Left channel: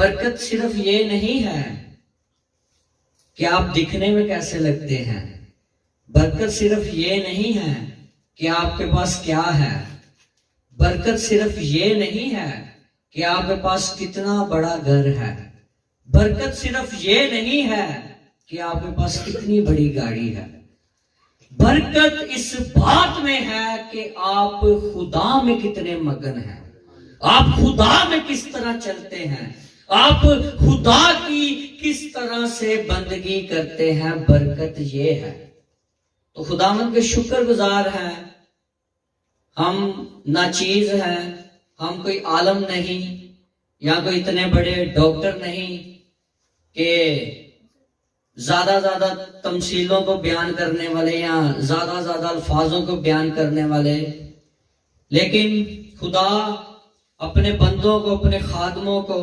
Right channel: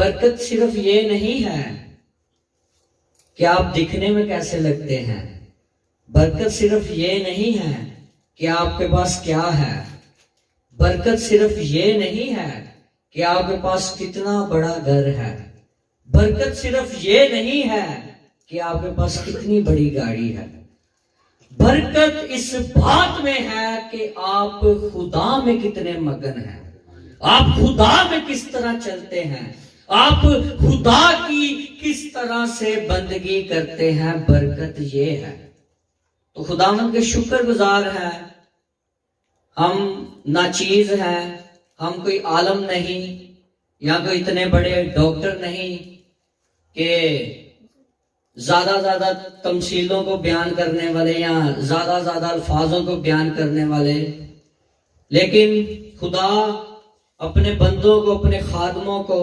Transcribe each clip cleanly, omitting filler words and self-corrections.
बरकत सिर्फ ये नहीं है कि आप दिखने में कैसे लगते हैं। बरकत सिर्फ ये नहीं है कि आपके पास क्या है। बरकत सिर्फ ये नहीं है कि आपके पास कितना बड़ा घर है। बरकत सिर्फ ये नहीं है कि आपके पास कितनी बड़ी गाड़ी है। बरकत इस बात में है कि आप खुदा में कितने मगन हैं, आप खुदा में किस तरह चलते हैं, आप खुदा की किस तरह से बंदगी करते हैं। बरकत ये है। तो खुदावंद के शुक्रगुजार हैं। हम नाचीज हैं, हम कोई आलम नहीं या कोई इतने बड़े डॉक्टर नहीं कि ज्यादा तमसीलों को बयान करने वाले या ज्यादा अल्फाजों को बयान करने वाले, लेकिन खुदा अपने बंदों को, अपने खादमों को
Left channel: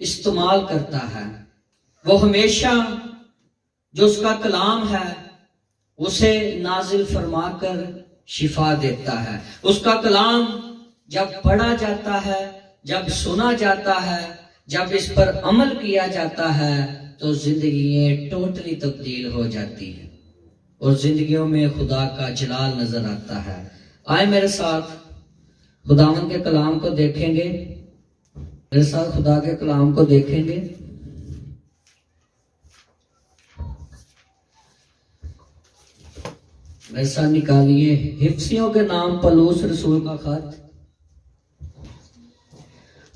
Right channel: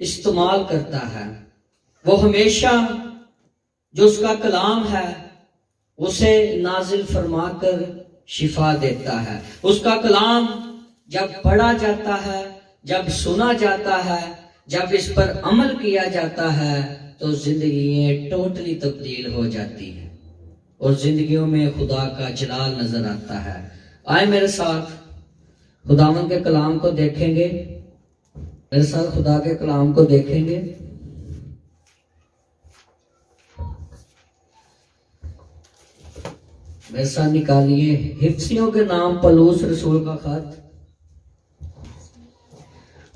इस्तेमाल करता है। वो हमेशा जो उसका कलाम है उसे नाजिल फरमाकर शिफा देता है। उसका कलाम जब पढ़ा जाता है, जब सुना जाता है, जब इस पर अमल किया जाता है तो जिंदगी टोटली तब्दील हो जाती है और जिंदगियों में खुदा का जलाल नजर आता है। आए मेरे साथ खुदावंद के कलाम को देखेंगे, मेरे साथ खुदा के कलाम को देखेंगे। मेरे साथ निकालिए हिफ्सियों के नाम पलूस रसूल का खत,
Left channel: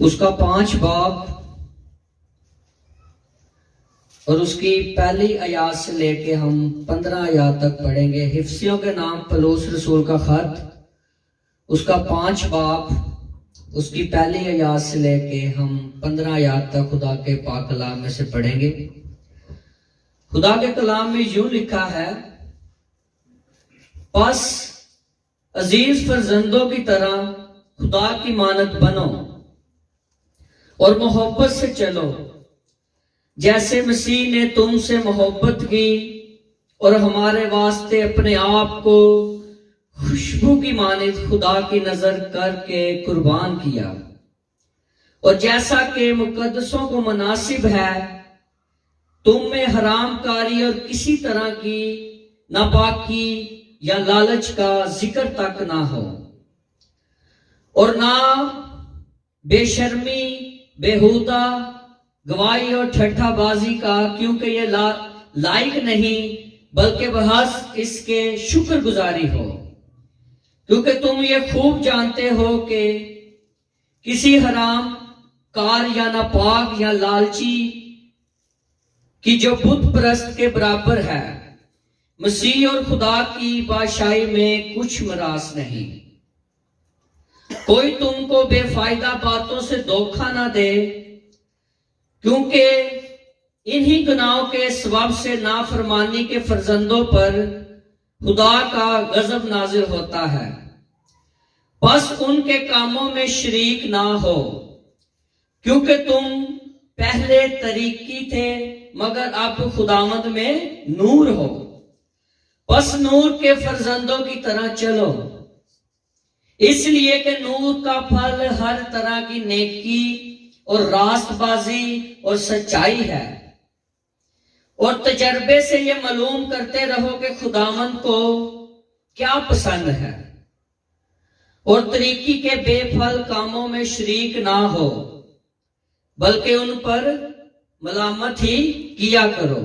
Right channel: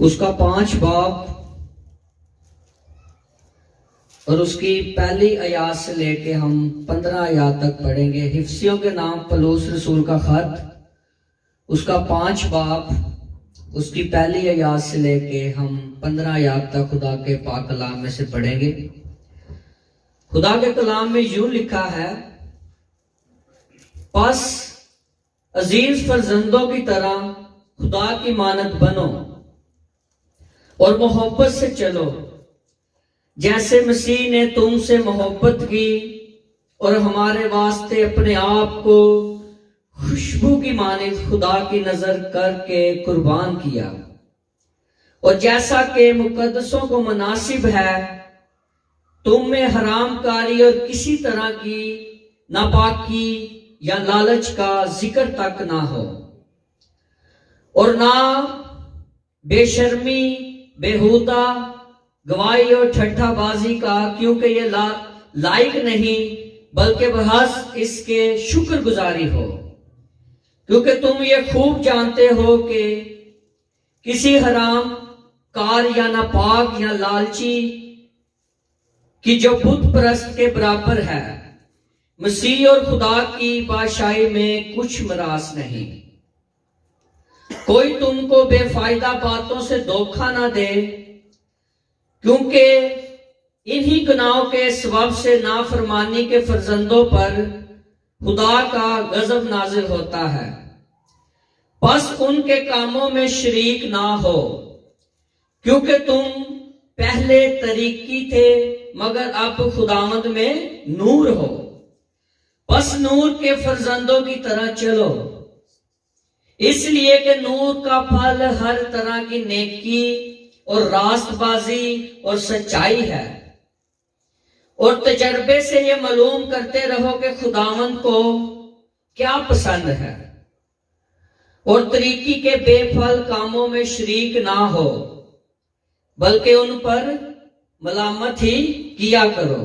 उसका 5 बाब और उसकी पहली आयात से लेके हम 15 आयात तक पढ़ेंगे। हिफ्सियों के नाम पलूस रसूल का खत, उसका 5 बाब, उसकी पहली आयात से लेके हम 15 आयात तक खुदा के पाक कलाम में से पढ़ेंगे। खुदा के कलाम में यूं लिखा है, बस अजीज फरजंदों की तरह खुदा की मानद बनो और मोहब्बत से चलो, जैसे मसीह ने तुमसे मोहब्बत की और हमारे वास्ते अपने आप को खुशबू की मानिद खुदा की नजर करके कुर्बान किया। और जैसा कि मुकद्दसों को मुनासिब है, तुम में हरामकारी और किसी तरह की नापाकी या लालच का जिक्र तक ना हो, और ना बेशर्मी, बेहुदा गवाही और ठट्ठाबाजी का, क्योंकि ये लायक नहीं, बल्कि बहस इसके शुक्रगुजारी हो। क्योंकि तुम ये खूब जानते हो कि किसी हराम कार या नापाक या लालची की जो बुत परस्त के बराबर है, मसीह और खुदा की बादशाही में कुछ मरास नहीं। कोई तुमको बेफायदा बातों से धोखा ना दे, क्योंकि इन्हीं गुनाहों के सबब से नाफरमानी के फर्जंदों पर खुदा का गजब नाजिल होता है। बस उनके कामों में शरीक ना हो, क्योंकि तुम पहले तरीकी थे मगर अब खुदावंद में नूर हो। बस नूर के फर्जंदों की तरह चलो, इसलिए कि नूर का फल हर तरह की नेकी और रास्तबाजी और सच्चाई है। और तजर्बे से ये मालूम करते रहो कि खुदावंद को क्या पसंद है, और तरीकी के बेफल कामों में शरीक ना हो, बल्कि उन पर मलामत ही किया करो,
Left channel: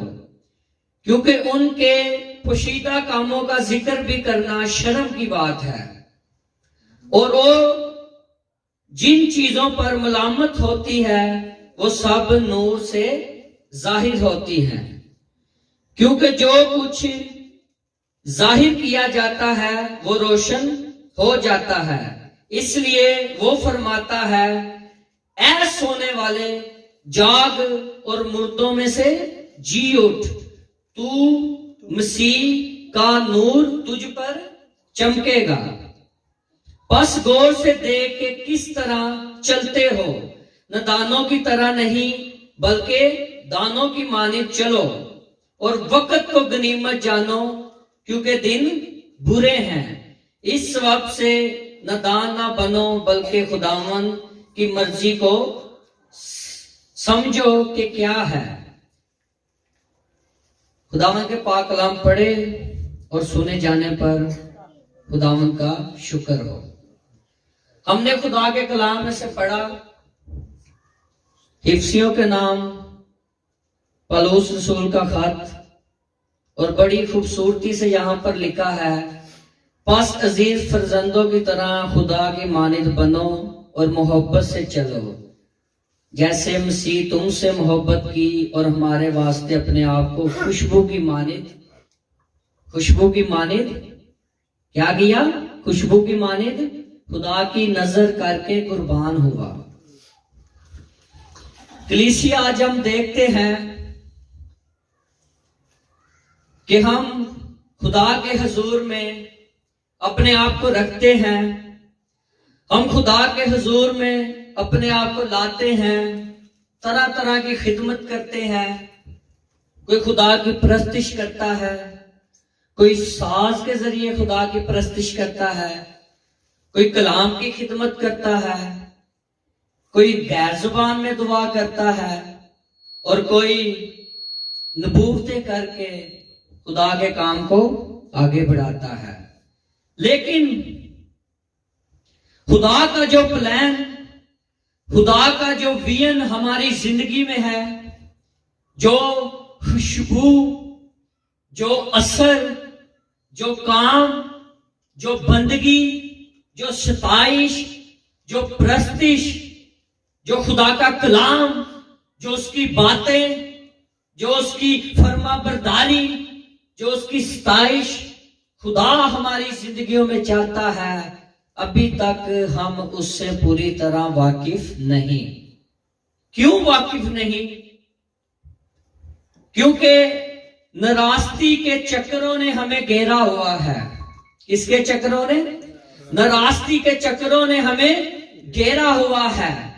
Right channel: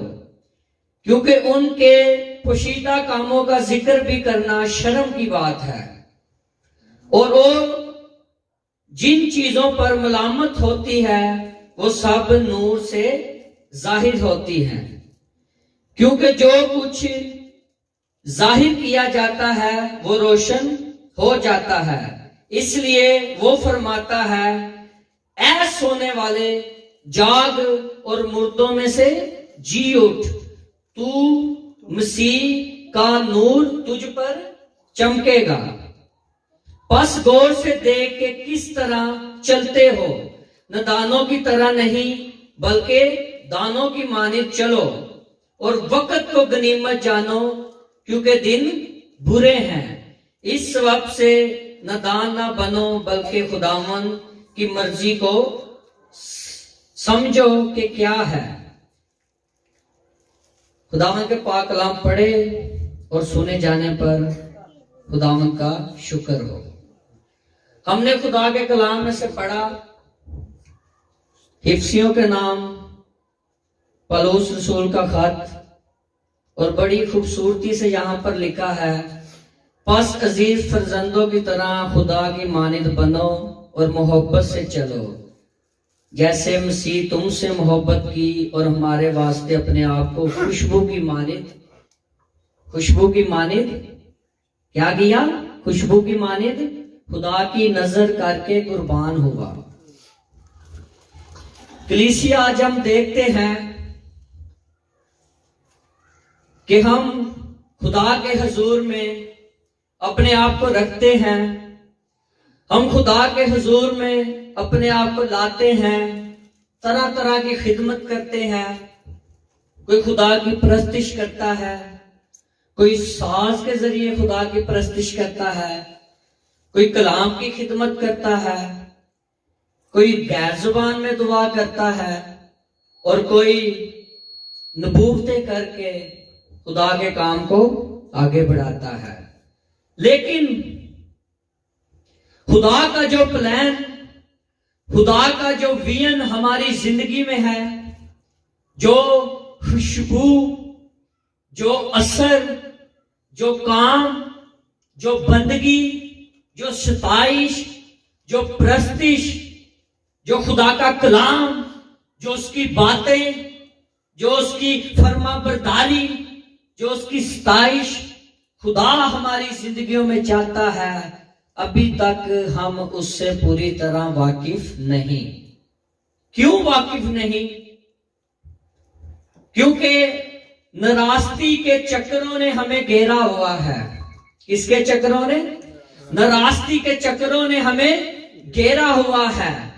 क्योंकि उनके पोशीदा कामों का जिक्र भी करना शर्म की बात है। और वो जिन चीजों पर मलामत होती है वो सब नूर से जाहिर होती हैं, क्योंकि जो कुछ जाहिर किया जाता है वो रोशन हो जाता है। इसलिए वो फरमाता है, ऐ सोने वाले जाग और मुर्दों में से जी उठ, तू मसीह का नूर तुझ पर चमकेगा। बस गौर से देख के किस तरह चलते हो, नादानों की तरह नहीं बल्कि दानों की मानिद चलो, और वक्त को गनीमत जानो, क्योंकि दिन बुरे हैं। इस सबब से नादान ना बनो, बल्कि खुदावन की मर्जी को समझो कि क्या है। खुदावंद के पाक कलाम पढ़े और सुने जाने पर खुदावंद का शुक्र हो। हमने खुदा के कलाम में से पढ़ा हिफ्सियों के नाम, पलूस रसूल का खत, और बड़ी खूबसूरती से यहां पर लिखा है, बस अजीज फर्जंदों की तरह खुदा की मानिद बनो और मोहब्बत से चलो, जैसे मसीह तुमसे मोहब्बत की और हमारे वास्ते अपने आप को खुशबू की मानिद क्या किया? खुशबू की मानिद खुदा की नजर करके कुर्बान हुआ। कलीसिया आज हम देखते हैं कि हम खुदा के हुजूर में अपने आप को रखते हैं, हम खुदा के हुजूर में अपने आप को लाते हैं, तरह तरह की खिदमत करते हैं। कोई खुदा की परस्तिश करता है, कोई साज के जरिए खुदा की परस्तिश करता है, कोई कलाम की खिदमत करता है, कोई गैर जुबान में दुआ करता है, और कोई नबूवतें करके खुदा के काम को आगे बढ़ाता है। लेकिन खुदा का जो प्लान, खुदा का जो विजन हमारी जिंदगी में है, जो खुशबू, जो असर, जो काम, जो बंदगी, जो सताइश, जो प्रस्तिश, जो खुदा का कलाम, जो उसकी बातें, जो उसकी फरमाबरदारी, जो उसकी सताइश खुदा हमारी जिंदगियों में चाहता है, अभी तक हम उससे पूरी तरह वाकिफ नहीं। क्यों वाकिफ नहीं? क्योंकि नाराजगी के चक्करों ने हमें घेरा हुआ है। किसके चक्करों ने? नाराजगी के चक्करों ने हमें घेरा हुआ है।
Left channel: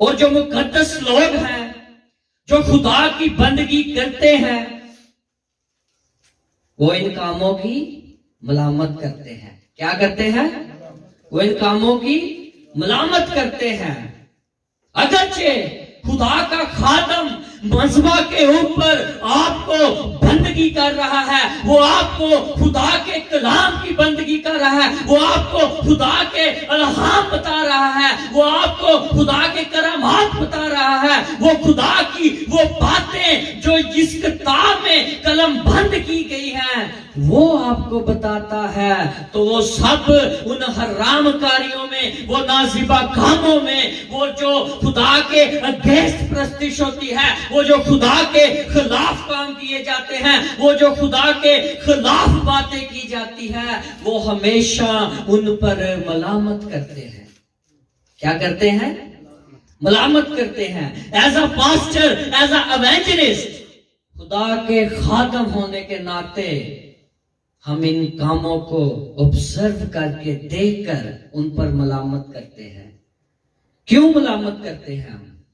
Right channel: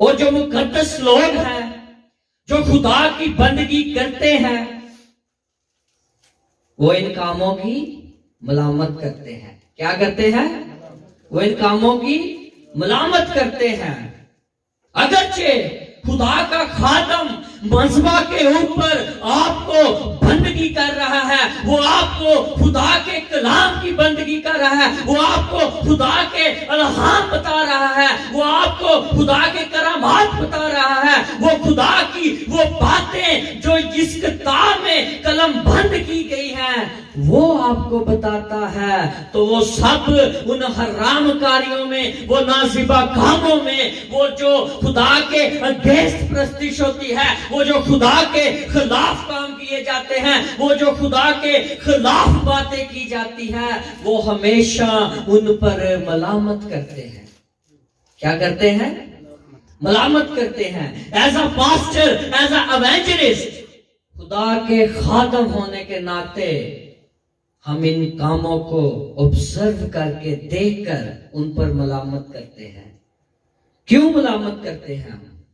और जो मुकद्दस लोग हैं, जो खुदा की बंदगी करते हैं, वो इन कामों की मलामत करते हैं। क्या करते हैं? वो इन कामों की मलामत करते हैं। अगरचे खुदा का खादम मजबा के ऊपर आपको बंदगी कर रहा है, वो आपको खुदा के कलाम की बंदगी कर रहा है, वो आपको खुदा के अलहाम बता रहा है, वो आपको खुदा के करामात बता रहा है, वो खुदा की वो बातें जो जिस किताब में कलम बंद की गई हैं वो आपको बताता है। तो वो सब उन हराम कार्यों में, वो नाजिबा कामों में, वो जो खुदा के अगेंस्ट प्रस्तिश होती है, वो जो खुदा के खिलाफ काम किए जाते हैं, वो जो खुदा के खिलाफ बातें की जाती है, वो हमेशा उन पर मलामत करते हैं। क्या करते हैं? मलामत करते हैं। As a pastor, as a evangelist, खुदा के खादम होने के नाते हम इन कामों को ऑब्जर्व करके, देखकर उन पर मलामत करते हैं। क्यों मलामत करते हैं हम?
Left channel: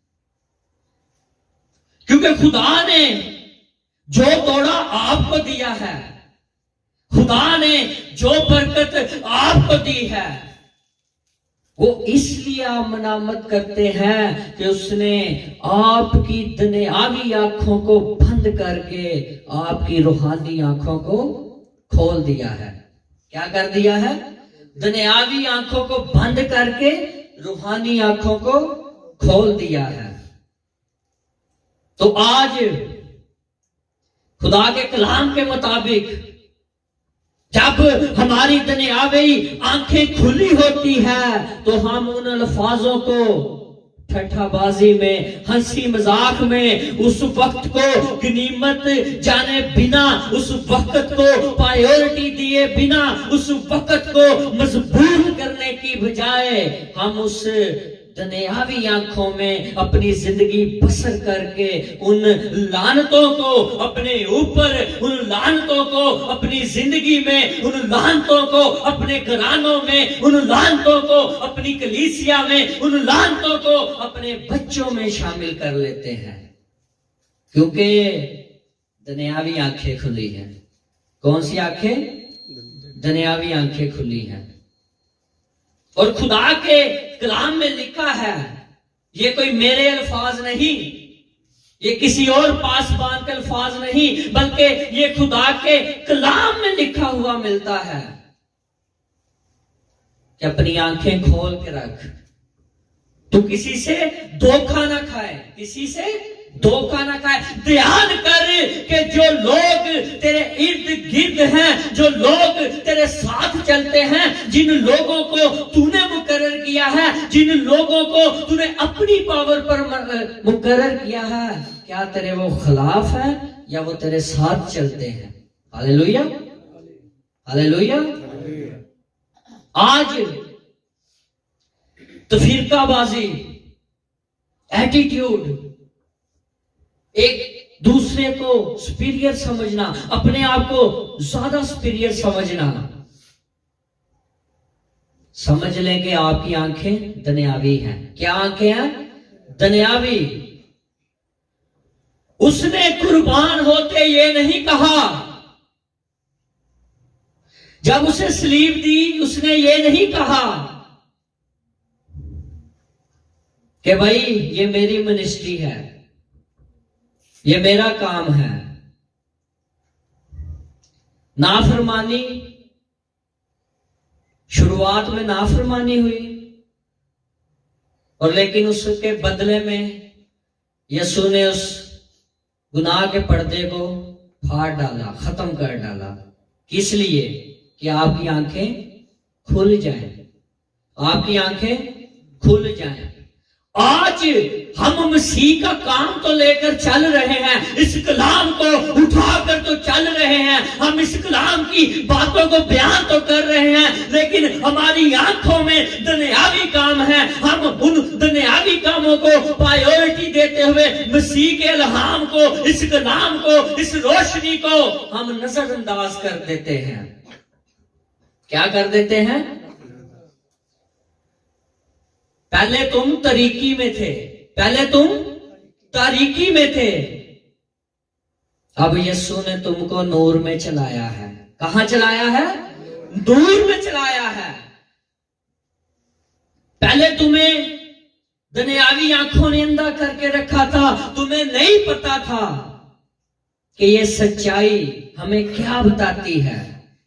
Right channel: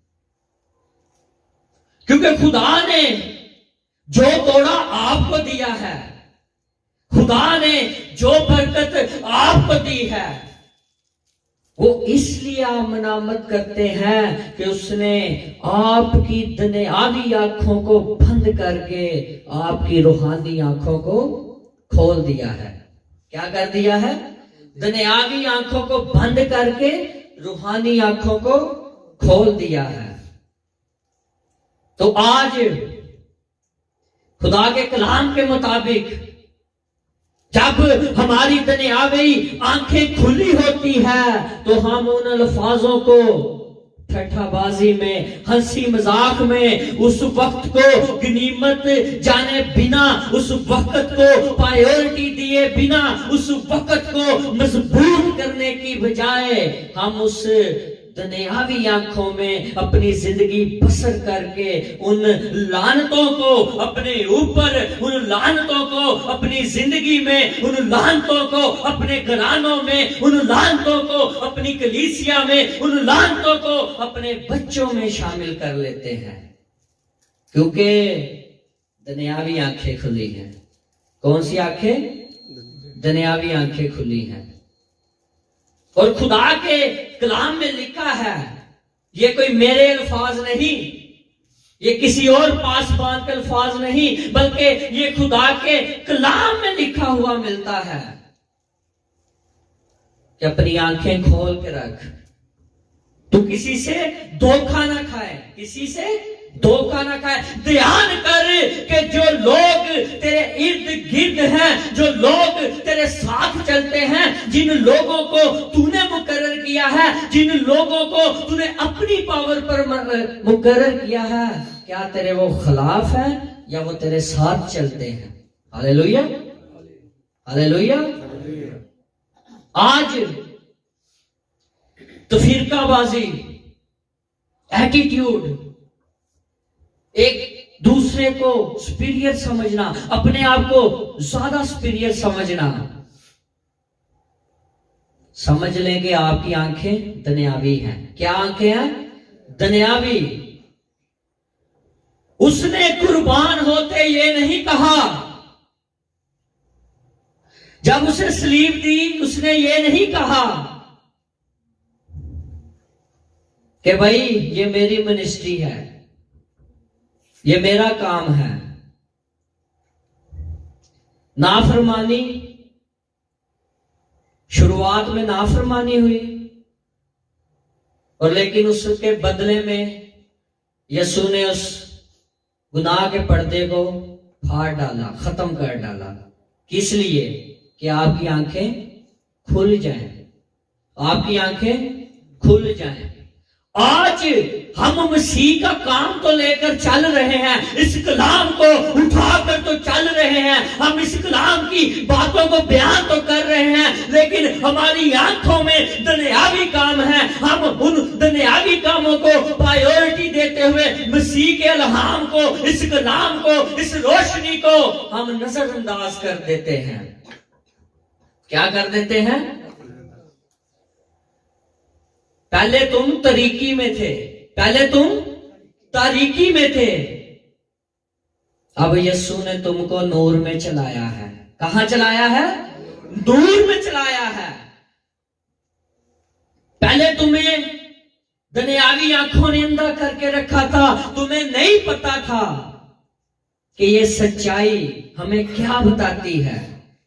क्योंकि खुदा ने जो तोड़ा आपको दिया है, खुदा ने जो बरकत आपको दी है, वो इसलिए आप मलामत करते हैं कि उसने आपकी दुनियावी आंखों को बंद करके आपकी रूहानी आंखों को खोल दिया है। क्या कर दिया है? दुनियावी आंखों को बंद करके रूहानी आंखों को खोल दिया है। तो आज खुदा के कलाम के मुताबिक जब हमारी दुनियावी आंखें खुली होती है, तो हम उन अल्फाजों को ठट्ठाबाजी में, हंसी मजाक में, उस वक्त को गनीमत जाने बिना, उस वक्त को प्रायोरिटी दिए बिना, उस वक्त को मजबूत करने की बजाय हम उस दुनियावी आंखों में अपनी जिंदगी बसर करके उन लानतों को अपने ऊपर, उन लानतों को अपनी जिंदगी में, उन लानतों को अपने घरानों में, उन लानतों को अपनी कलीसिया में, उन लानतों को अपने बच्चों में शामिल कर लेते हैं। क्योंकि दुनियावी आंखें खुली हैं। कौन सी आंखें? दुनियावी आंखें खुली हैं। और खुदा के कलाम में लिखा है, ये कोई मेरे अल्फाज नहीं, ये किसी और पासबान के अल्फाज नहीं, बल्कि ये खुदा के कलाम में लिखा हुआ मिलता है कि अपनी आंखें खोल के रख, तू किसी से धोखा ना खाए, किसी से धोखा ना खाए। ध्यान कर कि जो लोग तेरे इर्द गिर्द हैं, जो लोग तेरे साथ चलते हैं, जिन लोगों को तूने मुकर्रर किया है, जिन लोगों को तूने अपनी पावर पर मुकर्रर किया है, क्या तेरे वो खिलाफ है या वो तेरे साथ चलते हैं? Hallelujah, hallelujah. आज तो फिरकाबाजी, एटीट्यूड, एक दूसरे को सुपीरियर समझना, अपने आप को ज्यादा सुपीरियर समझना, समझ लें कि आपकी आंखें दुनियावी हैं। क्या आंखें हैं? दुनियावी। उसने कुर्बान होते ये नहीं कहा, जब उसे स्लीव दी उसने ये नहीं कहा कि भाई ये मेरी मिनिस्ट्री है, ये मेरा काम है। नाफरमानी, शुरुआत में नाफरमानी हुई, और लेकिन उसके बदले में यीशु ने उस गुनाह के पर्दे को फाड़ डाला, खत्म कर डाला। किस लिए? कि आपकी आंखें खुल जाएं, आपकी आंखें खुल जाएं। आज हम मसीह का काम तो लेकर चल रहे हैं, इस कलाम को उठाकर तो चल रहे हैं, हम इस कलाम की बातों को बयान तो कर रहे हैं, लेकिन हमारी आंखों में दुनियावी काम है। हम उन दुनियावी कामों को प्रायोरिटी देते हुए मसीह के इल्हाम को, इस कलाम को, इस रोशनी को हम नजरअंदाज कर देते हैं। क्या कर देते हैं? पहले तुम तरीकी में थे, पहले तुम तारीकी में थे, अब यीशु ने तुमको नूर में चलाया है। कहां चलाया है? नूर में चलाया है। पहले तुम्हें दुनियावी आंखों ने अंधा करके रखा था, तुम्हें नहीं पता था कि ये सच्चाई हमें क्या बताती है।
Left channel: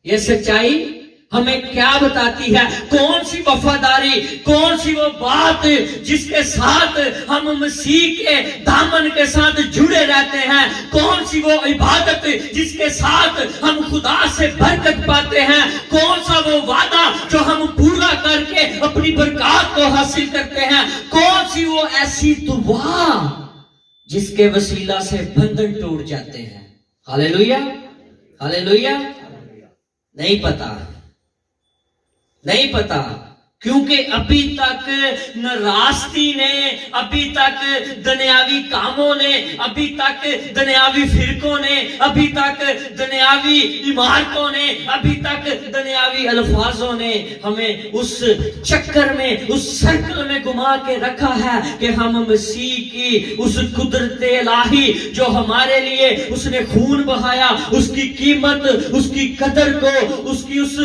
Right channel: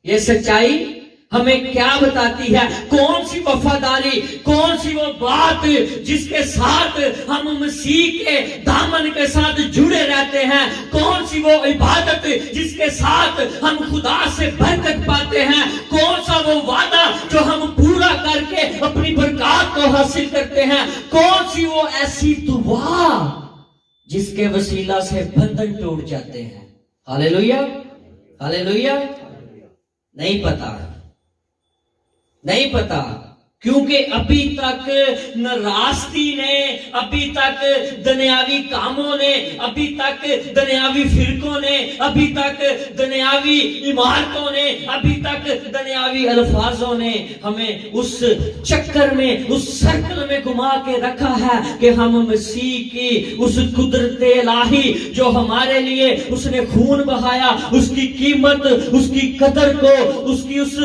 ये सच्चाई हमें क्या बताती है? कौन सी वफादारी, कौन सी वो बात जिसके साथ हम मसीह के दामन के साथ जुड़े रहते हैं, कौन सी वो इबादत जिसके साथ हम खुदा से बरकत पाते हैं, कौन सा वो वादा जो हम पूरा करके अपनी बरकत को हासिल करते हैं, कौन सी वो ऐसी दुआ जिसके वसीला से बंधन टूट जाते हैं। Hallelujah, hallelujah. नहीं पता, नहीं पता, क्योंकि अभी तक नाराजगी ने, अभी तक दुनियावी कामों ने, अभी तक दुनियावी फिरकों ने, अभी तक दुनियावी इमारतों ने, अभी तक दुनियावी अल्फाजों ने हमें उस चक्कर में, उस सर्कल में घुमा के रखा है कि हम मसीह की उस कुदरत इलाही जो हमारे लिए उसने खून बहाया, उसकी कीमत, उसकी कदर को, उसकी उस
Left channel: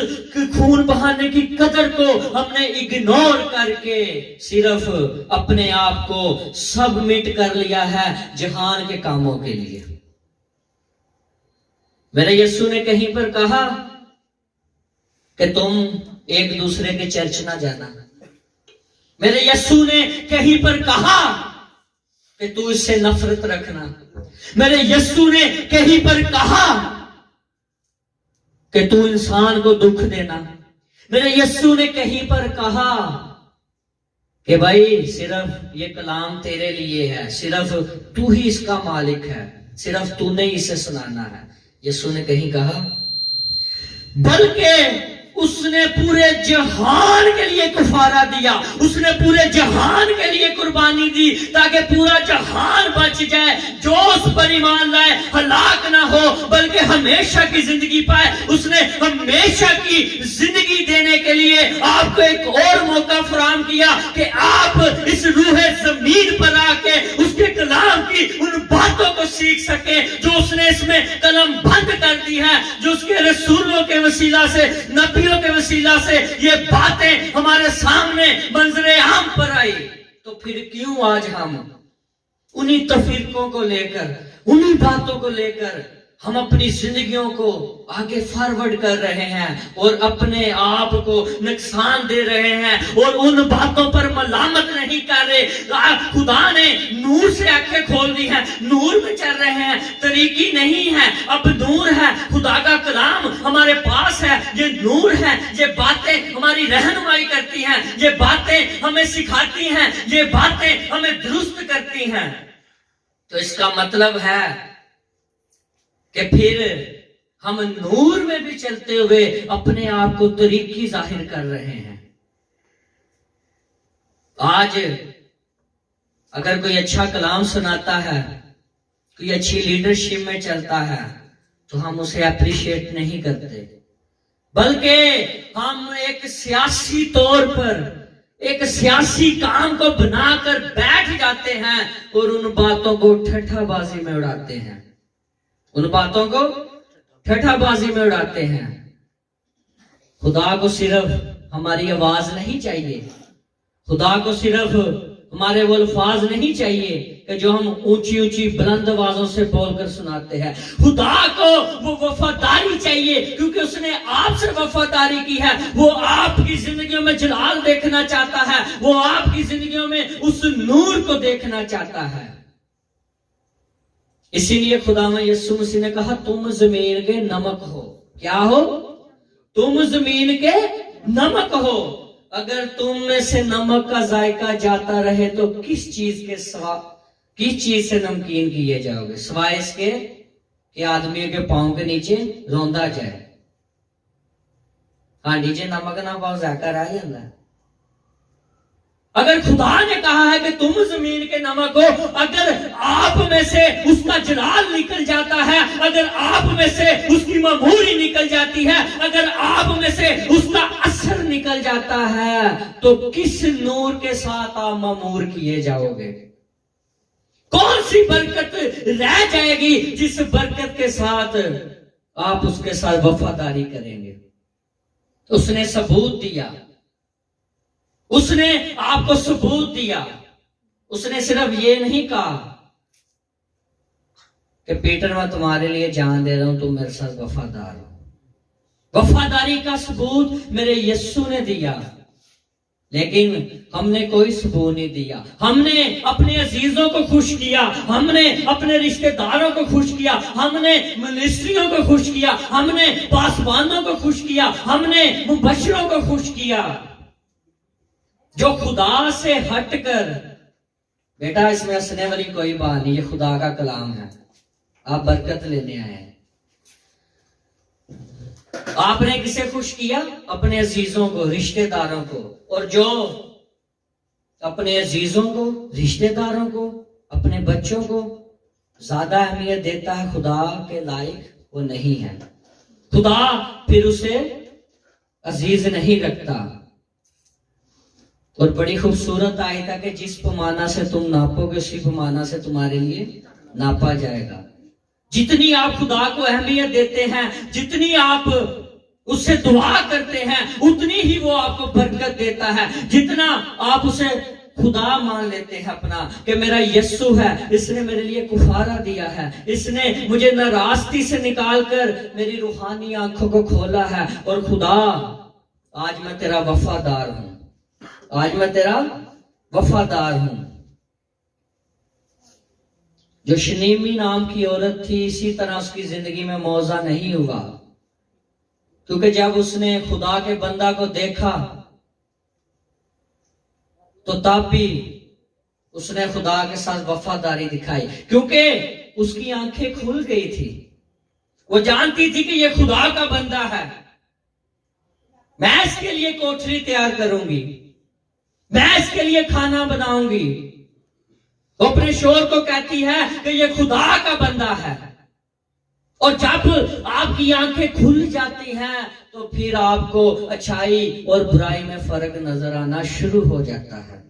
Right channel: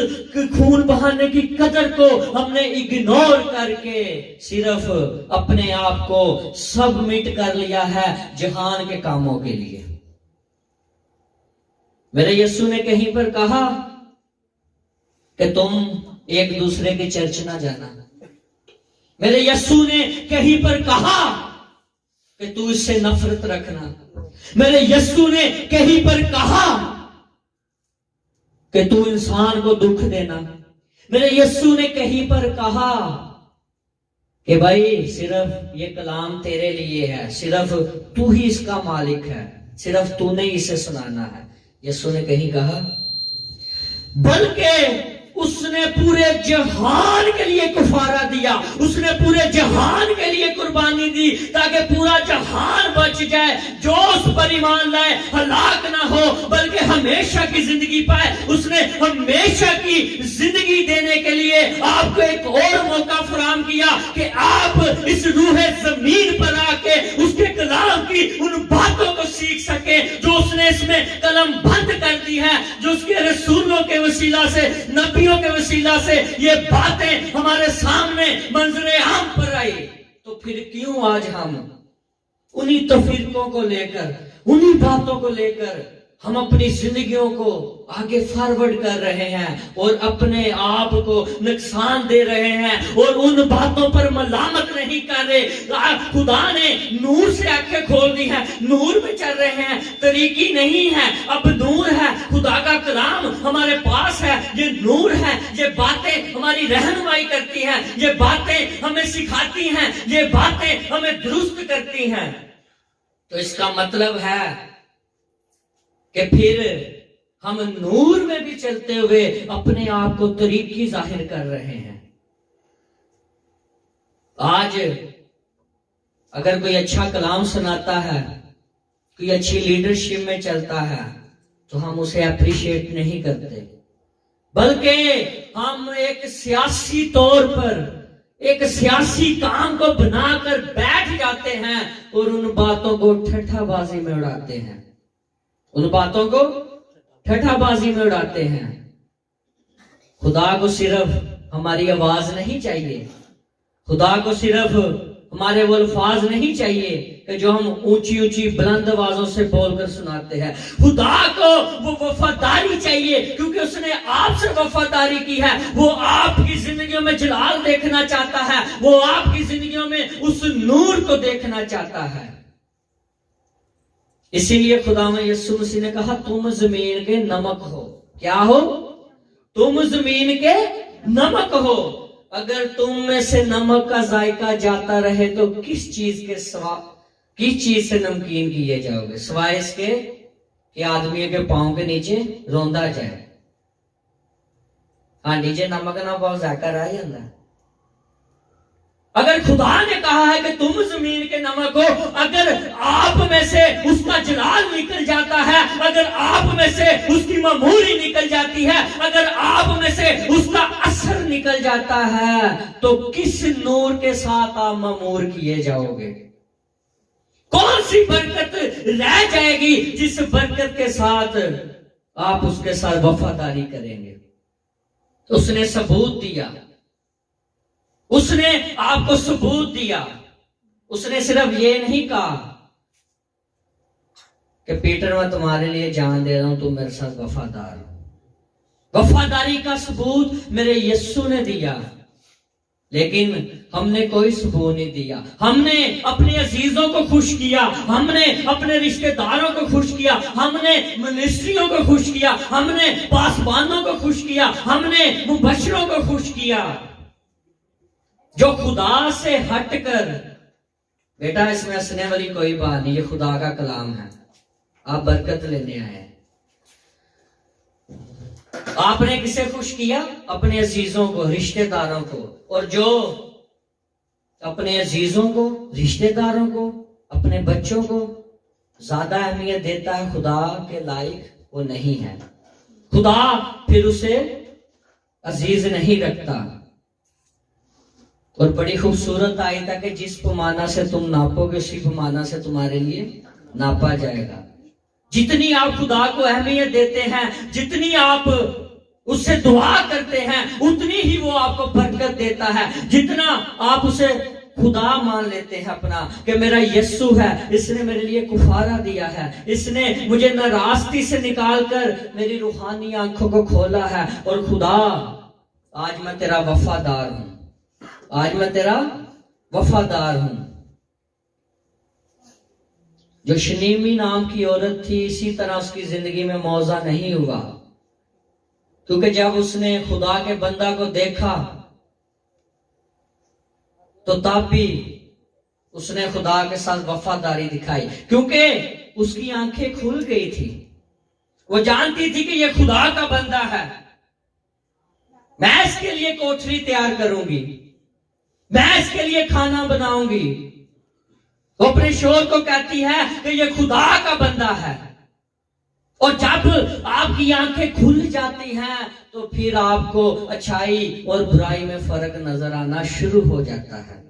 खून बहाने की कदर को हमने इग्नोर करके सिर्फ अपने आप को सबमिट कर लिया है जहान के कामों के लिए। मेरे यीशु ने कहीं पर कहा कि तुम एक दूसरे के चर्च ना जाना। मेरे यीशु ने कहीं पर कहा कि तू इससे नफरत रखना। मेरे यीशु ने कहीं पर कहा कि तू इंसान को दुख देना। मेरे यीशु ने कहीं पर कहा कि भाई सिर्फ ये कलाम तेरे लिए है, सिर्फ तू ही इसका मालिक है, सिर्फ तूने इसे सुनाना है। यीशु ने कहीं कहा, बल्कि उसने पूरे जहान के लिए कफारा दिया, उसने पूरे जहान के लिए कुर्बानी दी ताकि पूरा जहान बच जाए। जो उस पर ईमान लाए हलाक ना हो बल्कि हमेशा की जिंदगी पाए। उसने हमेशा की जिंदगी देने के लिए आपको एक और मौका फराहम किया कि आप इस रूहे जमीन पर आके उसके कलाम की उन बातों को सीख सके जो उसने इसमें कलम बंद कर दी है, जो उसके रसूलों के वसीला से, नबियों के वसीला से ये बातें हमारे सामने मंजरे आम पर आई। तो फिर क्यों आज हम उन्हीं तफरीकों को लेकर, उन्हीं बातों को लेकर हम अपनी जिंदगियों को आगे फॉरवर्ड कर रहे हैं और अपने आप को नुकसान दे रहे हैं और उन बातों पर मलामत नहीं कर रहे। खुदा ने नूर से आंखें खोल दी हैं, नूर में चल रहे हैं, तरीकी नहीं है, अब नूर है। खुदा का कलाम हमारे पास है, ये नूर है, ये बातें हमारी रहनुमाई करती हैं, ये बातें हमें सिखाती हैं, ये बातें हमें दुरुस्त करती हैं। तो इसका मतलब है कि फिर हम नूर में भी चलते हुए अपने आप को तरीकी जाहिर कर रहे हैं। आज अगर कोई अच्छा कलाम सुनाता है, कोई अच्छी लीडरशिप में चलता है, तो हम उसे अप्रिशिएट नहीं करते, बल्कि हम एक सियासी तौर पर एक सियासी काम को बनाकर बैठ जाते हैं और उन बातों को ठट्ठाबाजी में उड़ाते हैं, उन बातों को ठट्ठाबाजी में उड़ाते हैं। खुदा को सिर्फ हमारी आवाज नहीं चाहिए, खुदा को सिर्फ हमारे वो अल्फाज नहीं चाहिए कि जो हम ऊंची ऊंची बुलंद आवाजों से बोलकर सुनाते हैं। खुदा को वो वफादारी चाहिए, क्योंकि उसने आपसे वफादारी की है। वो आपकी जिंदगियों में जलाल देखना चाहता है, वो आपकी जिंदगियों में उस नूर को देखना चाहता है। इसीलिए खुदा में यीशु मसीह ने कहा, तुम जमीन के नमक हो। क्या हो? तुम जमीन के नमक हो। अगर तुम में से नमक का जायका जाता रहे तो किस चीज से नमकीन किए जाओगे, सिवाय इसके कि आदमियों के पांव के नीचे रोंदा जाए। हाँ, नीचे नमक ना पाओ जायका रह जाता है। अगर खुदा ने कहा है कि तुम जमीन के नमक हो, अगर आप में से उसका जलाल निकल जाता है, अगर आप में से उसकी ममूरी निकल जाती है, अगर आप में से उसका असर निकल जाता है, तो किस नूर के साथ आप ममूर किए जाओगे? कौन सी बरकत रह जाएगी जिस बरकत के साथ आप उसके साथ वफादारी करेंगे? उसने सबूत दिया, उसने आपको सबूत दिया। उसने सिर्फ ये नहीं कहा कि पीटर मैं तुम्हारे लिए जान दे रहा हूं, तुम मेरे साथ वफादार हो। वफादारी का सबूत मेरे यीशु ने दिया, लेकिन हमने कोई सबूत नहीं दिया। हमने अपने अजीजों को खुश किया, हमने अपने रिश्तेदारों को खुश किया, हमने मिनिस्ट्रियों को खुश किया, हमने पासवानों को खुश किया, हमने मुबशरों को खुश किया। जो खुदा से हटकर, बेटा इसमें हंसने वाली कोई बात नहीं, ये खुदा का कलाम है, आप बरकत लेने आए हैं। आपने किसे खुश किया? अपने अजीजों को, रिश्तेदारों को। और जो अपने अजीजों को, रिश्तेदारों को, अपने बच्चों को ज्यादा अहमियत देता है खुदा के लायक, वो नहीं है। खुदा फिर उसे अजीज नहीं रखता। और बड़ी खूबसूरत आयत है कि जिस पैमाना से तुम नापोगे उसी पैमाना से तुम्हारे लिए नापा जाएगा। जितनी आप खुदा को अहमियत देते हैं, जितनी आप उससे दुआ करते हैं, उतनी ही वो आपको बरकत देता है। जितना आप उसे खुदा मान लेते हैं अपना, कि मेरा यीशु है, इसने मेरे लिए कुफारा दिया है, इसने मुझे नाराजगी से निकालकर मेरी रूहानी आंखों को खोला है। और खुदा आज मैं तेरा वफादार हूं, आज मैं तेरा वफादार हूं। जो शनीमी नाम की औरत थी, इसी तरह उसकी जिंदगी में मौजा नहीं हुआ, क्योंकि जब उसने खुदा के बंदा को देखा तो तब भी उसने खुदा के साथ वफादारी दिखाई, क्योंकि उसकी आंखें खुल गई थी। वो जानती थी कि ये खुदा का बंदा है, मैं इसके लिए कोठरी तैयार करूंगी, मैं इसके लिए खाना बनाऊंगी। वो अपने शोर को कहती है कि ये खुदा का बंदा है। और जब आपकी आंखें खुल जाती हैं तो फिर आपको अच्छाई और बुराई में फर्क नजर आना शुरू हो जाता है।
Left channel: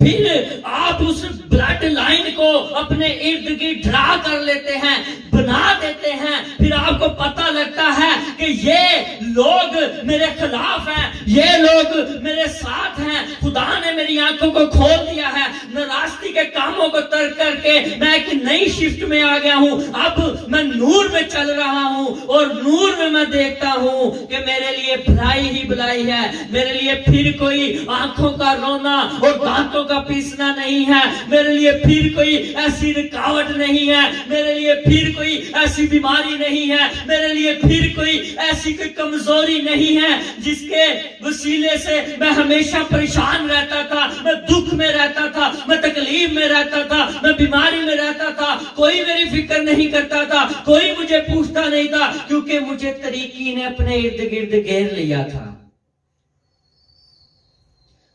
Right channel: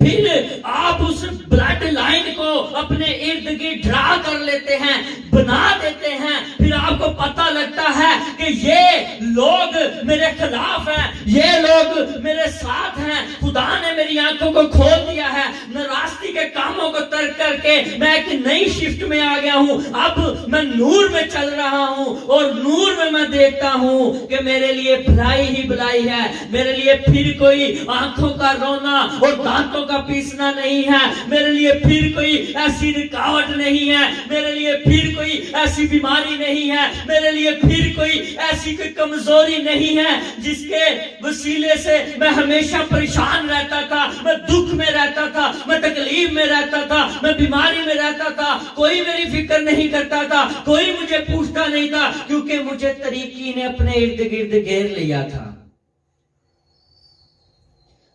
फिर आप उस ब्लड लाइन को अपने इर्द गिर्द ड्रा कर लेते हैं, बना देते हैं। फिर आपको पता लगता है कि कि ये लोग मेरे खिलाफ हैं, ये लोग मेरे साथ हैं। खुदा ने मेरी आंखों को खोल दिया है, नाराजगी के कामों को तर्क करके मैं एक नई शिफ्ट में आ गया हूं। अब मैं नूर में चल रहा हूं और नूर में मैं देखता हूं कि मेरे लिए भलाई ही भलाई है। मेरे लिए फिर कोई आंखों का रोना और दांतों का पीसना नहीं है। मेरे लिए फिर कोई ऐसी रुकावट नहीं है। मेरे लिए फिर कोई ऐसी बीमारी नहीं है। मेरे लिए फिर कोई ऐसी कोई कमजोरी नहीं है जिसके वसीले से मैं हमेशा परेशान रहता था, मैं दुख में रहता था, मैं तकलीफ में रहता था, मैं बीमारी में रहता था। कोई मेरी फिक्र नहीं करता था, कोई मुझे पूछता नहीं था, क्योंकि मुझे तरीकी ने अपने इर्द गिर्द घेर लिया था।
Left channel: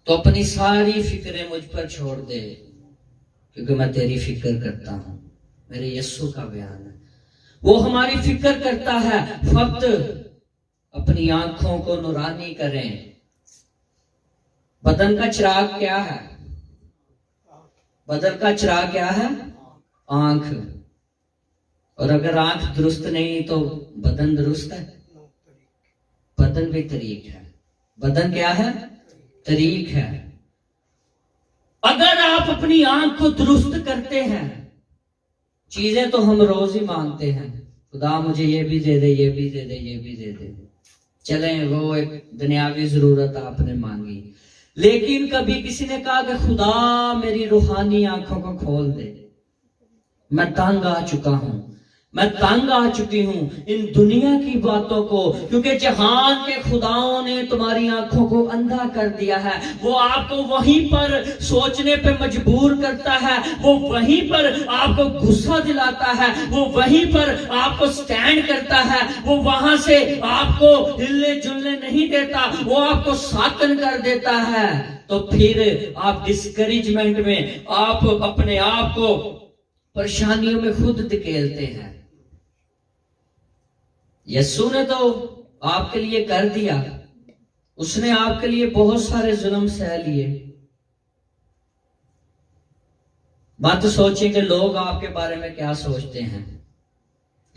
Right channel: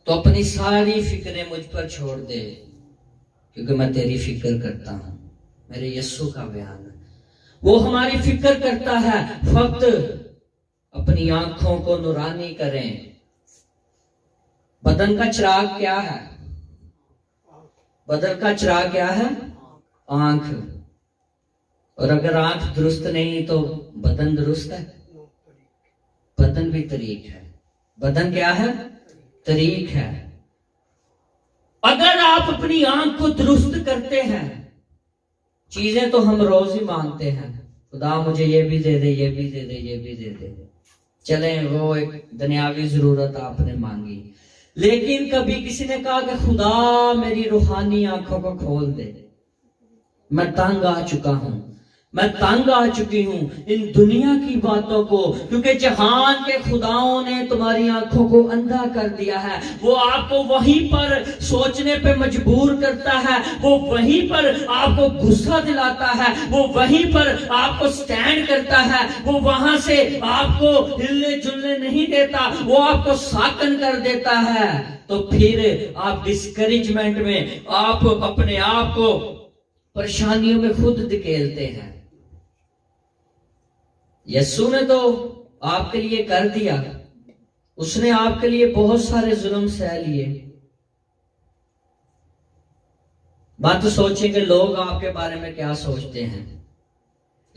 तो अपनी सारी फिक्रें मुझ पर छोड़ दे, क्योंकि मैं तेरी फिक्र करता हूं। मेरे यीशु का बयान है, वो हमारी फिक्र करता है। फक्त अपनी आंखों को नूरानी करें। बदन का चिराग क्या है? बदन का चिराग क्या है? आंख। और अगर आंख दुरुस्त नहीं तो बदन दुरुस्त है? बदन भी तरीक है। बदन क्या है? तरीक है। अगर आप अपनी आंख को दुरुस्त करते हैं, चीजें तो हम रोज ही मांगते हैं, खुदा मुझे ये भी दे दे, ये भी दे दे, ये भी दे दे। चले, वो एक दुनियावी जरूरत आपने मांगी, लेकिन कभी किसी ने कहा कि खुदा मेरी रूहानी आंखों को खोल दे। मैं तंग आ चुका हूं, मैं तंग आ चुकी हूं इन दुनिया की बातों को, क्योंकि जहान के खुदाओं ने तुम्हारी आंखों को अंधा कर दिया है। वो आपको वहीं पर सोचने पे मजबूर करता है, वो वहीं पर आपको गुस्सा दिलाता है, वो वहीं पर आपको स्टैंड करता है, वो वहां से आपको हिलने जुलने नहीं देता, वो आपको साकन कर देता है। तो फिर आप डिस्करेजमेंट में, आप अपने आप को परेशानियों में खुद धकेलते हैं। यीशु ने तो आपके लिए कर दिया, उसने आपके लिए बहुत सारे जुल्म सह लिए। मत सोचिए कि लोग आपके बारे में क्या सोचते हैं,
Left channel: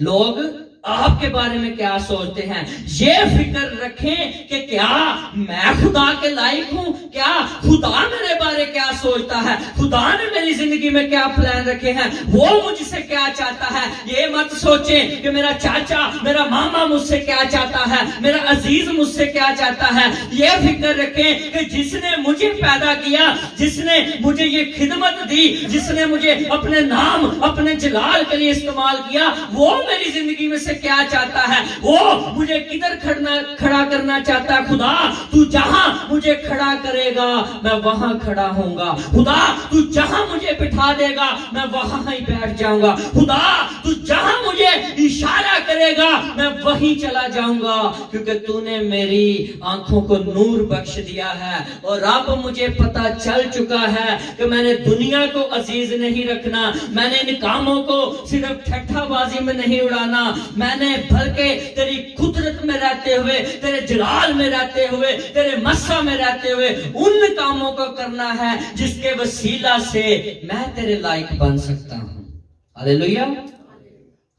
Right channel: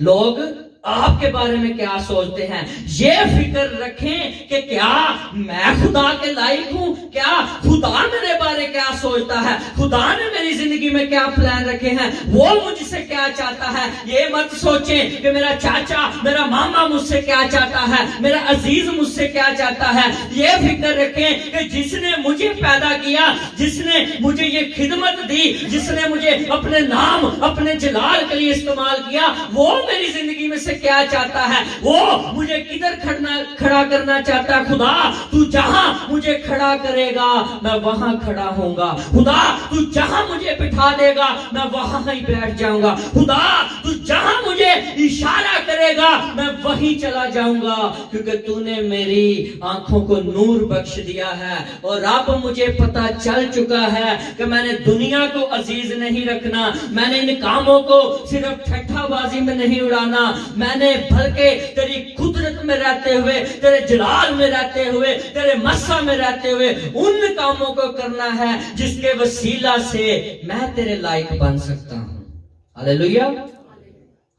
लोग आपके बारे में क्या सोचते हैं। ये फिक्र रखें कि क्या मैं खुदा के लायक हूं, क्या खुदा मेरे बारे क्या सोचता है, खुदा ने मेरी जिंदगी में क्या प्लान रखे हैं, वो मुझसे क्या चाहता है। ये मत सोचें कि मेरा चाचा, मेरा मामा मुझसे क्या चाहता है, मेरा अजीज मुझसे क्या चाहता है। ये फिक्र रखें कि जिसने मुझे पैदा किया, जिसने मुझे ये खिदमत दी, जिसने मुझे अपने नाम, अपने जलाल के लिए इस्तेमाल किया, वो मेरी जिंदगी में क्या चाहता है, वो मुझे किधर खड़ा करना चाहता है। खुदा तू जहां मुझे खड़ा करेगा मैं वहां खड़ा होऊंगा। खुदा तू जहां मुझे बिठा देगा मैं वहां ही बैठ जाऊंगा। खुदा तू जहां मुझे इशारा करेगा मैं वहीं चला जाऊंगा, क्योंकि तूने मेरी आंखों को नूर बख्श दिया है। और अब मुझे पता चल चुका है कि मैंने दुनिया को अजीज नहीं रखना, मैंने इन कामों को सिर्फ ठट्ठाबाजी में नहीं उड़ाना, मैंने बल्कि तेरी कुदरत में रहते हुए, तेरे जलाल में रहते हुए, तेरे मस्सा में रहते हुए उन कामों को करना है जिसके वसीला से मैं तेरे लायक बन सकता हूं। Hallelujah,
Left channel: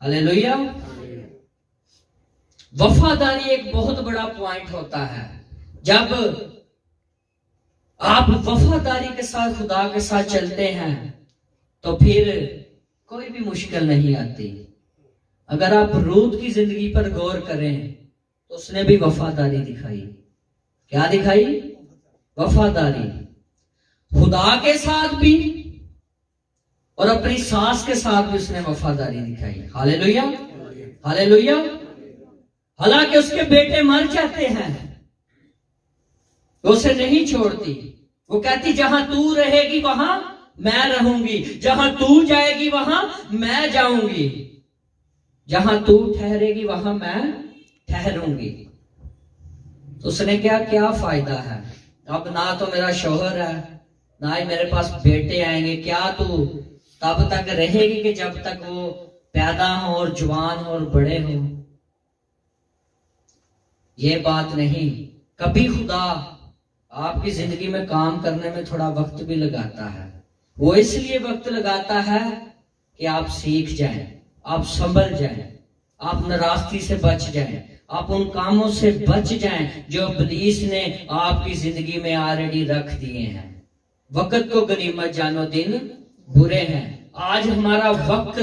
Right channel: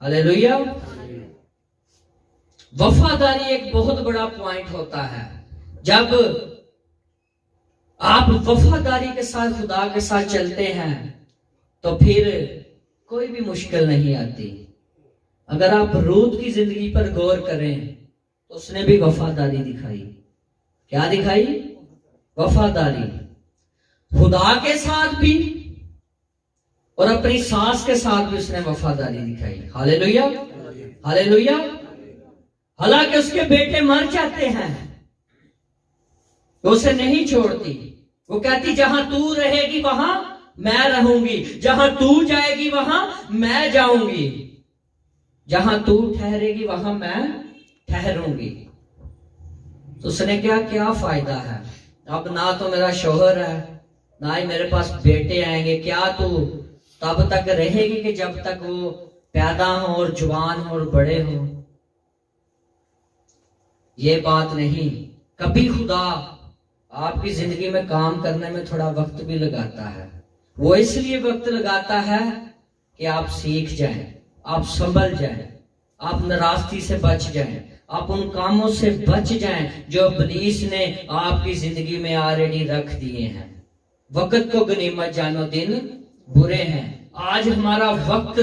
hallelujah. वफादारी एक बहुत बड़ा पॉइंट होता है। जब आप वफादारी के साथ खुदा के साथ चलते हैं तो फिर कोई भी मुश्किल नहीं आती। अगर आप रूत की जिंदगी पर गौर करें तो उसने भी वफादारी दिखाई। क्या दिखाई? वफादारी। खुदा के साथ भी और अपनी सास के साथ भी उसने वफादारी दिखाई। Hallelujah, hallelujah. हालांकि उसके बेटे मर जाते हैं तो उसे नहीं छोड़ती। वो कहती जहां तू रहेगी वहां मैं रहूंगी, जहां तू जाएगी वहां मैं जाऊंगी, जहां तू ठहरेगी वहां मैं ठहरूंगी। तो उसने क्या फायदा है? अब ना तो मेरा शौहर है, ना ही मेरे पास बेटे आएंगे। क्या तू तब तक रहेगी कि जब तक वो पैदा हो और जवान हो और बड़े हो? ये बात नहीं। कभी खुदा आपकी जिंदगी में काम करने में थोड़ा वक्त भी लगाता है। वो इसलिए वक्त लगाता है कि आप सीख जाएं, आप संभल जाएं, आप नाराजगी से बच जाएं, आप उन कामों से बच जाएं जो इब्लीस ने आपकी जिंदगी में ऑलरेडी रख दिए हैं। वक्त को गनीमत जानो, दिन बुरे हैं। आज हमारा वक्त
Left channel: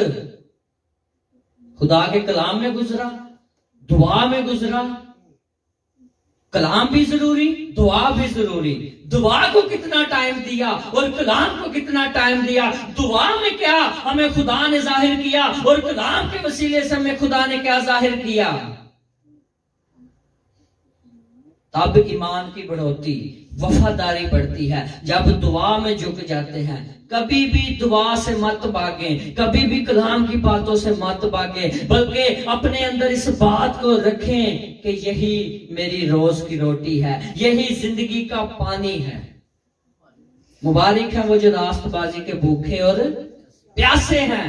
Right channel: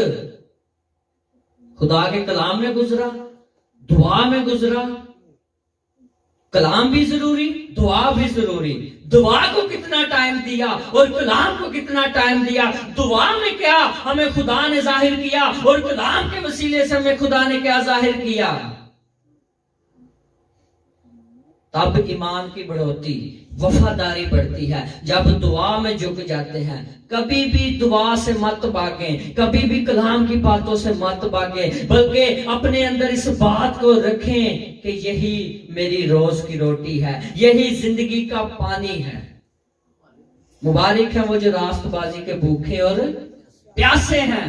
खुदा के कलाम में गुजरा, दुआ में गुजरा। कलाम भी जरूरी, दुआ भी जरूरी। दुआ को कितना टाइम दिया और कलाम को कितना टाइम दिया। दुआ में क्या हमें खुदा ने जाहिर किया और कलाम के वसीले से हमें खुदा ने क्या जाहिर किया। तब ईमान की बढ़ोतरी, वफादारी बढ़ती है जब दुआ में झुक जाते हैं। कभी भी दुआ से मत भागें, कभी भी कलाम की बातों से मत भागें, बल्कि अपने अंदर इस बात को रखें कि यही मेरी रोज की रोटी है, यही जिंदगी का पानी है। मुबारक है वो जो रास्तबाजी के भूखे और प्यासे हैं।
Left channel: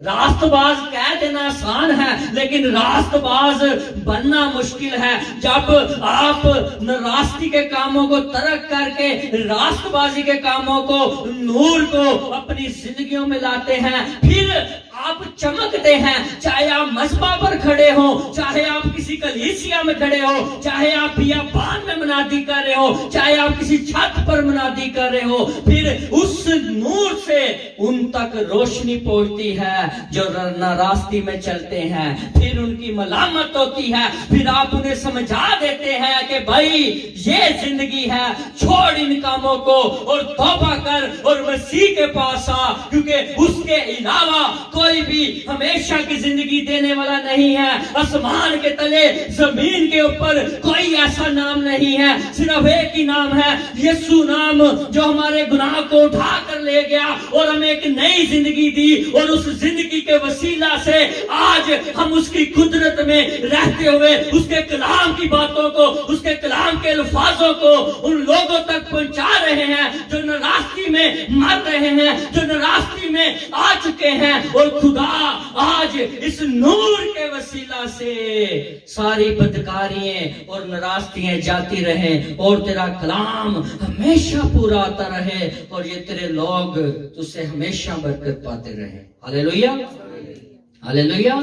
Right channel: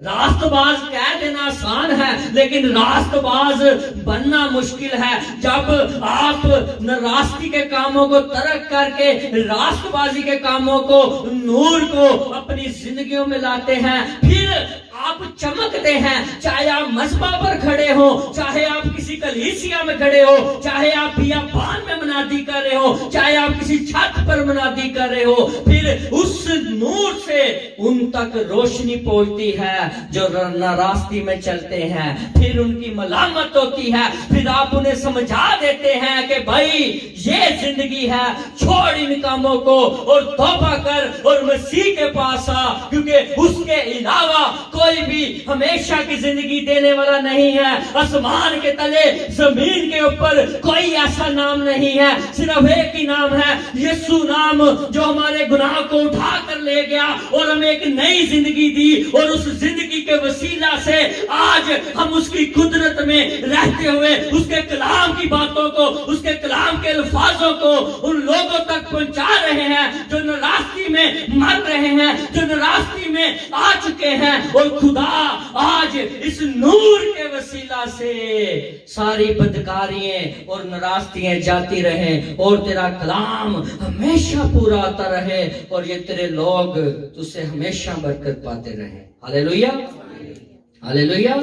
रास्तबाज कह देना आसान है, लेकिन रास्तबाज बनना मुश्किल है। जब आप रास्ते के कामों को तर्क करके रास्तबाजी के कामों को, नूर को अपनी जिंदगियों में लाते हैं, फिर आप चमकते हैं। चाहे आप मस्बा पर खड़े हो, चाहे आप किसी कलीसिया में खड़े हो, चाहे आप बियाबान में मनादी कर रहे हो, चाहे आप किसी छत पर मनादी कर रहे हो, फिर उस नूर से उन तक रोशनी पहुंचती है जो नारास्ती में चलते हैं। फिर उनकी मलामत होती है, फिर आप उन्हें समझा देते हैं कि भाई ये जिंदगी है, छोड़ इन कामों को और तौबा कर और मसीह के पास आ, क्योंकि उसके अलावा कोई भी हमेशा की जिंदगी देने वाला नहीं है। आसमान के तले, जमीन के ऊपर कोई ऐसा नाम नहीं है, सिर्फ एक ही नाम है, यीशु नाम, जो हमारे गुनाह को उठा कर ले गया और हमें एक नई जिंदगी दी। और उस जिंदगी के वसीला से आज हम उसकी कुदरत में रहते हुए उसके कलाम की बातों को, उसके कलाम के अल्फाजों को उन लोगों तक पहुंचा रहे हैं जो नाराजगी में मर रहे हैं, जो नाराजगी में आ चुके हैं। और खुदा आज इस नूर के वसीला से सारी बदकारियां और नाराजगियां जाती रहें और तेरा कलाम हमेशा पूरा आता रहे और ये तेरे लोग तुझसे हमेशा बरकत पाते रहें। Hallelujah, hallelujah.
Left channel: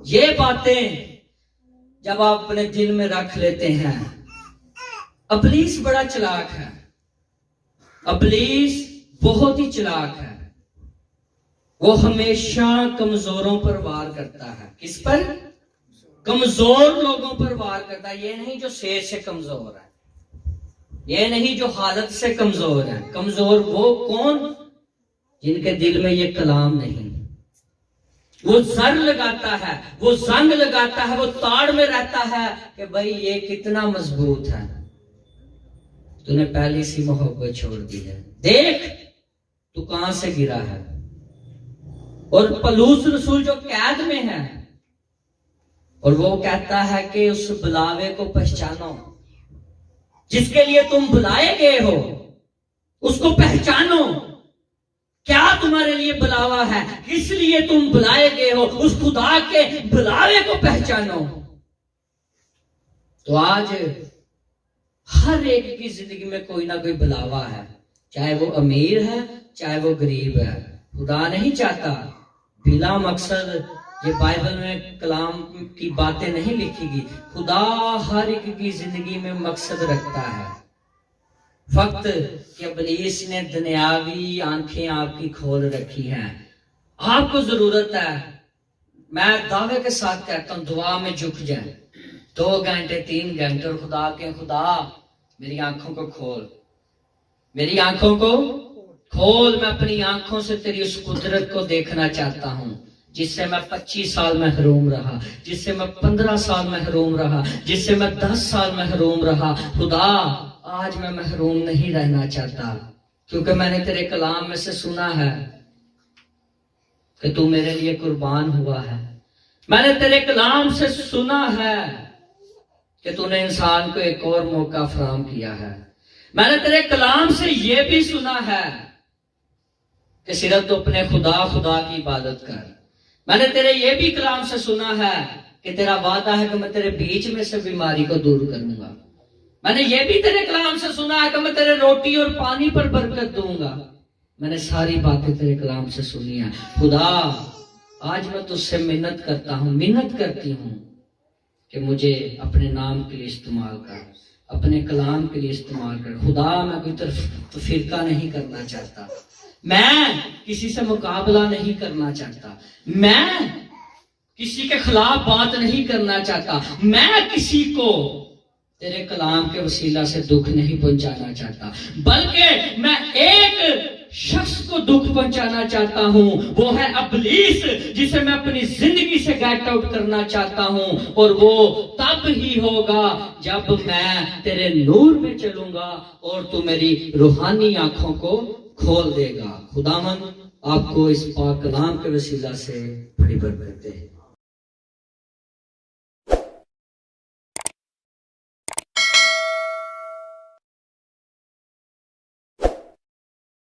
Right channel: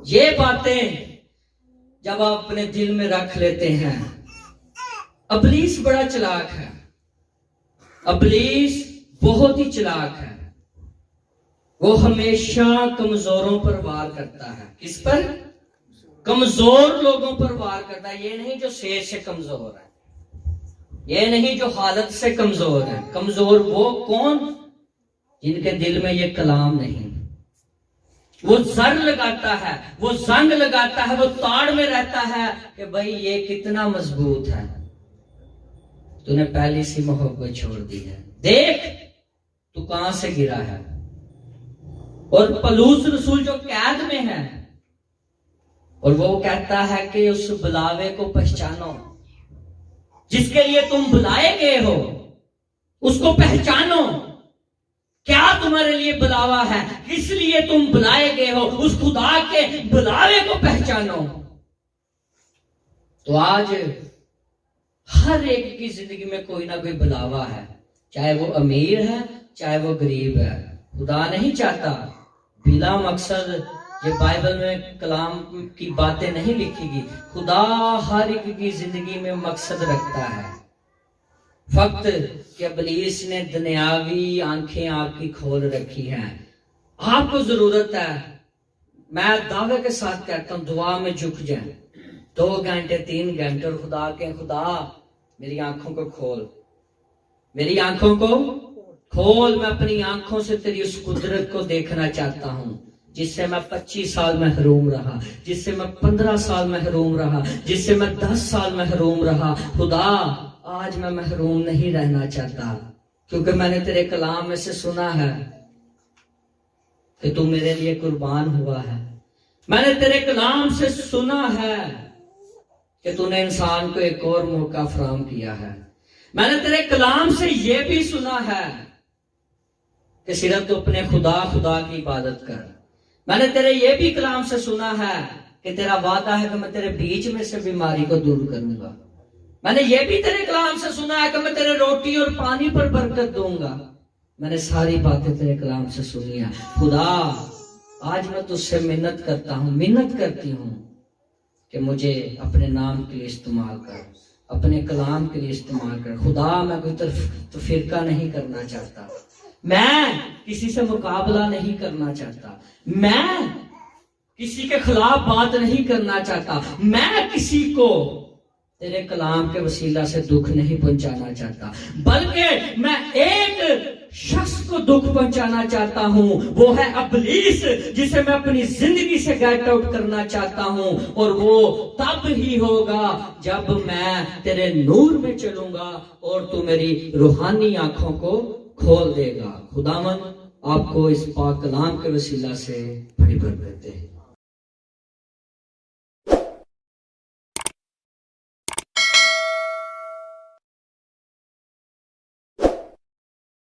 ये बातें जब आप अपने दिल में रख लेते हैं, इब्लीस बड़ा चालाक है, इब्लीस बहुत ही चालाक है। वो हमेशा कमजोरों पर वार करता है। किस पर? कमजोर लोगों पर वार करता है। ये नहीं जो सेहत से कमजोर है, ये नहीं जो हालत से कमजोर है। कमजोर वो कौन? जिनके दिल में ये कलाम नहीं। वो जर लगाता है, वो जंग लगाता है, वो ताड़ में रहता है कि भाई ये कितना मजबूत है। तूने पहली सी मोहब्बत छोड़ दी है, देख तू कहां से गिरा है। और पलूस रसूल जो कैद में है, और वो कहता है कि उस बुलावे को पहचानो, जिसके लिए तुम बुलाए गए हो उसको पहचानो। क्या तुम्हारे लिए बुलावा है, किस लिए तुम बुलाए गए हो, उस खुदा के बुलावे को पहचानो। तो आज हर एक की जिंदगी में कोई ना कोई बुलावा है, चाहे वो अमीर है चाहे वो गरीब है। खुदा नहीं चाहता बिला मकसद, ये बाइबल में कलाम की बातें नहीं लिखीगी। खुदा हर एक की जिंदगी में मकसद रखता है। फक्त कि इब्लीस ने दुनियावी आंखें आपकी खोल रखी हैं। आपको जरूरत है, मैं दावे के साथ कहता हूं, दुआ में झुक जाए 2 घंटे 3 घंटे और खुदा के, खुदा मेरी आंखों को खोल, मेरी आंखों को खोल। मैं अपनी आंखों से तेरी उस कुदरत को देखना चाहता हूं जिससे मैं 25 साल महरूम रहा, जिससे मैं 15 साल महरूम रहा, जिससे मैं 10 साल महरूम रहा। खुदा आज मैं महरूम नहीं रहना चाहता, क्योंकि मैंने तेरे कलाम में से सुना है कि तू मेरे लिए कुर्बान हुआ है। मैंने तेरे कलाम से सुना है कि तूने इंसान को एक और मौका फराहम किया है। मैंने तेरे कलाम से यह भी सुना है कि सिर्फ तू अपने खुदा की इबादत कर। मैंने तेरे ये भी कलाम से सुना है कि तेरा वादा है कि मैं तेरे बीच में से बीमारी को दूर करूंगा। मैंने ये भी तेरे कलाम से सुना है कि मैं तेरे रोटी और पानी पर बरकत दूंगा। मैंने सारी बातें तेरे कलाम से सुनी है। खुदा आज मैं तुझसे मिन्नत करता हूं, मिन्नत करती हूं, कि मुझे अपने नाम के लिए इस्तेमाल कर, अपने कलाम के लिए इस्तेमाल कर। खुदा मैं कोई तो फिरका नहीं करना चाहता, मैं किसी से मुकाबला नहीं करना चाहता, मैं किसी के खिलाफ बात नहीं करना चाहता, मैं किसी को तेरे कलाम के वसीला से दुख नहीं पहुंचाना चाहता, बल्कि मैं एक शख्स को दुख पहुंचाना चाहता हूं, वो है इब्लीस, जिसे मैं अपनी जिंदगी से गेट आउट करना चाहता हूं। और वो तब ही होगा जब मैं तेरे नूर में चलूंगा और तू मेरी रूहानी आंखों को खोल देगा। खुदावन आपको इस पाक कलाम के वसीला से बड़ी बरकत दे।